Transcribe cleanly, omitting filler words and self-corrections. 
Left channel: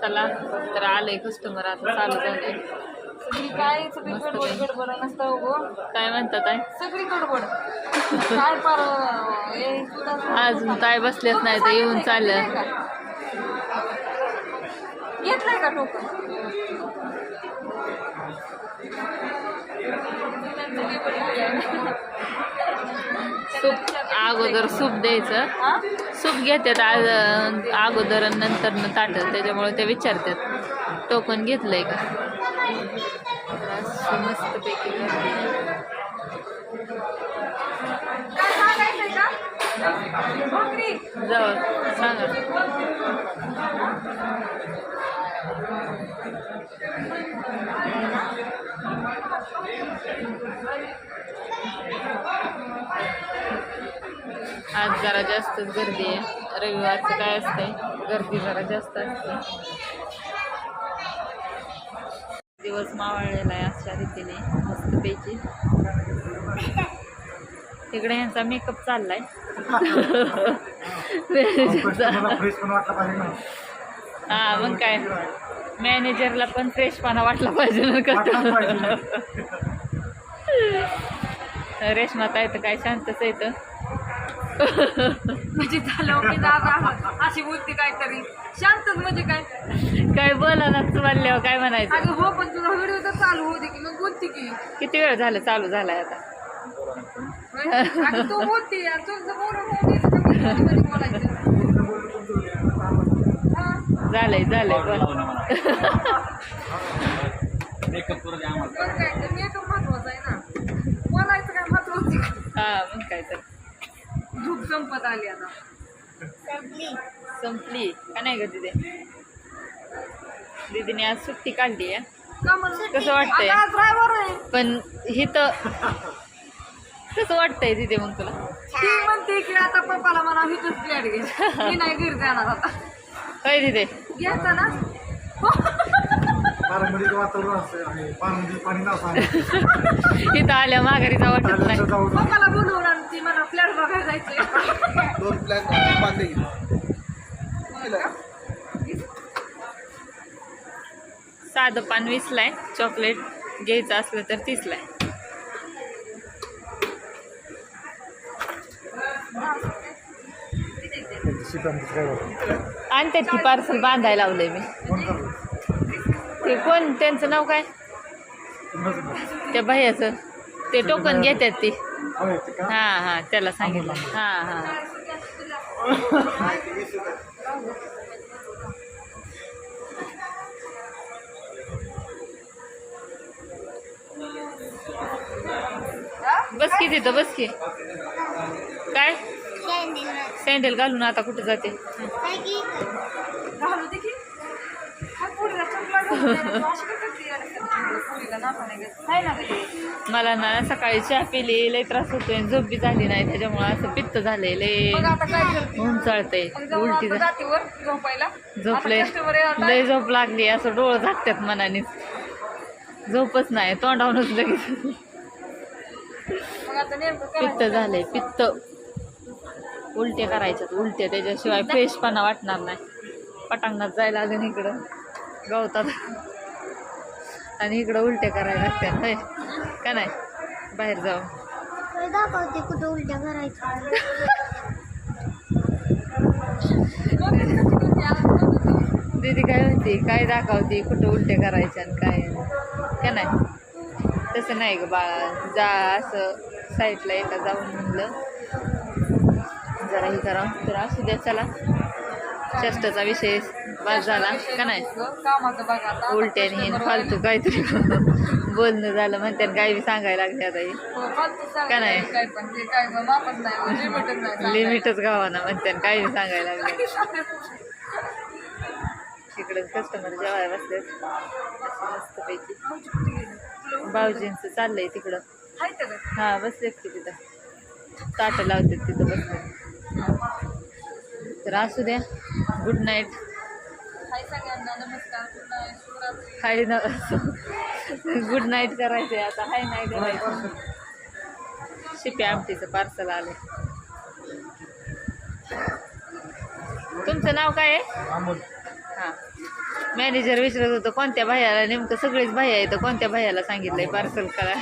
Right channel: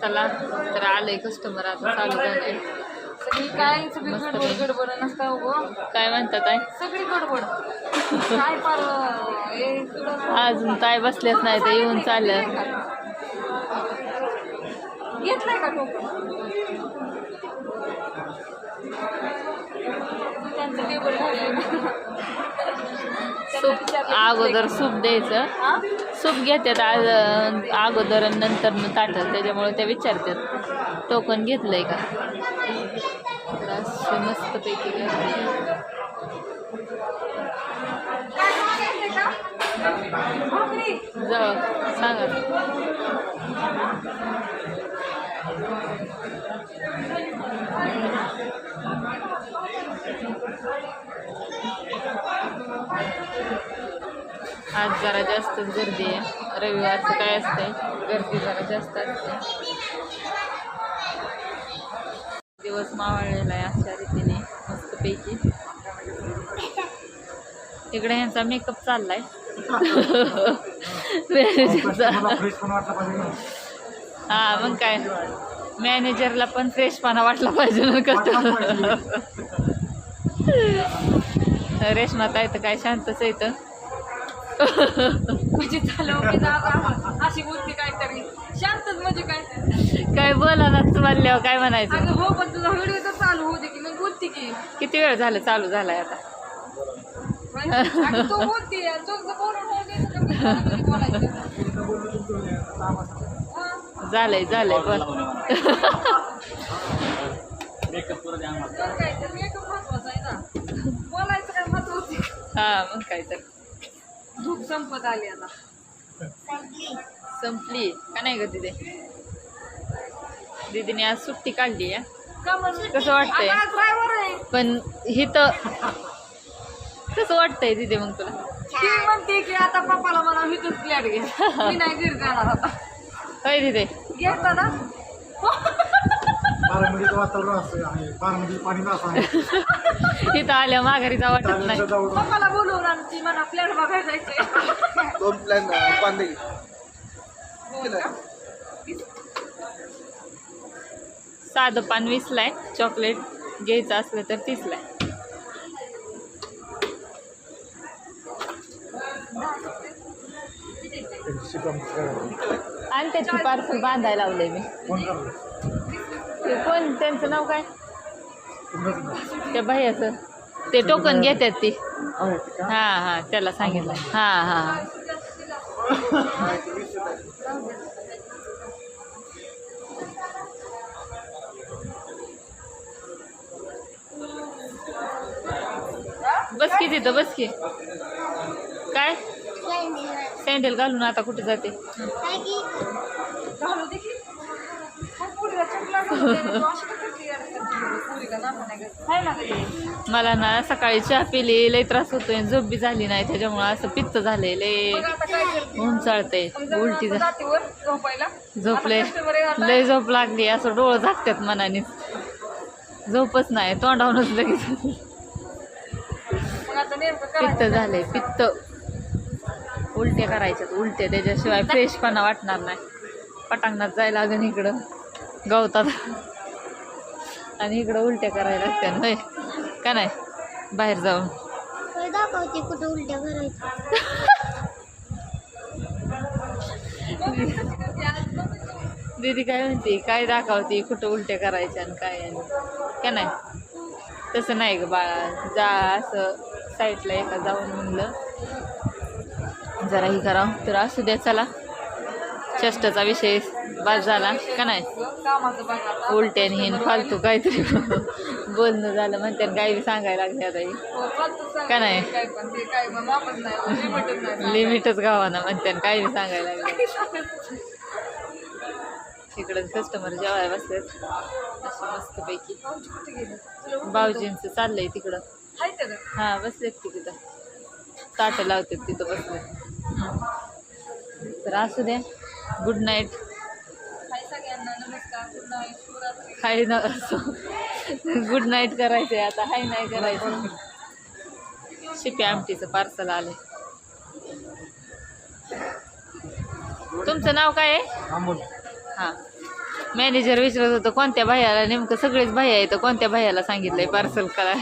चला तर आलंय कस्टमर आता चालू झालंय. सगळी काय गडबड नसता हो. काय म्हणतात आहे सगळी गडबड काय पार अजून काय बसलेच नाही तर येऊन चाललं. घेतलाय का टोकन? सूप अगोदर सूप द्यायचं. सूप घेतात अगोदर आणि नंतर ताटं, त्याच्यामुळे ते विचारतात टोकन घेतलंय का. मस्त पैकी गर्दी जाऊ सांगा. आज जरा जास्तच गर्दी आहे. रविवारचं काय असतंय, गर्दी जरा जास्त असते. दिवस मावळलेला आहे अशा रीतीने मस्तपैकी. इकडे ह्यांचा मेकअप चाललाय. हा मग काय, मॅनेजरला पण फ्रेशपणा वाटला पाहिजे ना. रेशमा ताई तर काय शांतच आहे तर. म्हणजे झालं की अशी बोलते काहीतरी शांतच म्हणजे काय बोलायलाच म्हणल्यावर काय म्हणायचं. हो पण तुझा व्हिडिओ तर चालू होते की मग बोलते की. किती वेळ झालं चालू झालाय आता. तू बोलते बोलायचं. झालंय बोला. मेकअप महत्वाचा आहे ना, बोलायचं काय महत्वाचं. हा मग काय तर. धूप संपत आली आता. संपली का नाही ग दिदी. दीदीने आज सुट्टी काढली आहे. कसं वाटतंय पण हिथं कसं वाटतंय दीदी मग तुला. ती म्हणते की आता पप्पाला मला हिथंच फ्लॅट घे, मी नाही घरी जाणार आता. होय दीदी घ्यायचा ना. इथं आल्या माघारीचा वाटत नाही. पप्पाला बोलवून आमची मला फ्लॅट बघायला जायचंय. 2 प्लॅन बांधले. साधं पान 20ला आहे, चॉकलेट घ्यायचं असलं तर 30ला आहे. आणतात की पार्सल बांधायला लावलंय मी. ते कोण त्यांचं नाव काय, त्या भैयाचं ते टोकन घेतात ती. हा त्याला सांगितलं. हा बस की तिथं बस की. काय सँडल घालून आता कुठे जाते. घालू दे की. मला ना सकाळी चहा पिली लय त्रास होतोय, झोप बी झाली नाही, त्याच्यामुळे असं पित्त झालंय, लय उंचाळतंय, उलटी झोपले, लय झोप लागली, असं डोळं झाकतात मनाने, झोपच नाही, तोंडावूनच लगेच पित्त झालंय. पित्त उलट्या करायच्यात उलट्या, त्याच्याशिवाय फ्रेशपणा वाटणार नाही. पटांगणात जायला लागेल इकडं गवतात आणि इकडं उलट्या करायला लागतात होय का नाही. बाहेर जाऊन दाखवते कुठं उलट्या करायच्या. दीदी काय म्हणते, काय दाखवते कुठं उलट्या करायच्या आणि काय का नाही. तसं नाही ग बाळा, जा असं साईडला एका जाऊन म्हणलं जरा ही करा तर असू द्या. चला चेष्टाचा विषय बाद झाला का नाही. उलट्याने फालतू काहीतरी बोलणं झालं म्हणते, काय बी सांगायला लागले आता का नाही. लिमिटच गावाना म्हणते, काय बी सांगायला लागले. तिकडं कस्टमर जेवायला बसलेत अशी मस्तपैकी. भाऊजींचं चाललंय तिकडं. हा बसलेत की तिथं, ताटं लावतात तिथं बसलेत. तर असू द्या. Good night. हाय ना. गुड नाईट करायचंय आता, हाय नाही करायचं. शिपी आमटीचं पार्सल आलंय. तुमचं नाव काय आहे. हां मॅनेजर विचारत होतं कोणत्या भैयाला, नेमकं सगळेच भैया आहेत, कोणत्या भैयाला सांगितलंय पार्सल करा.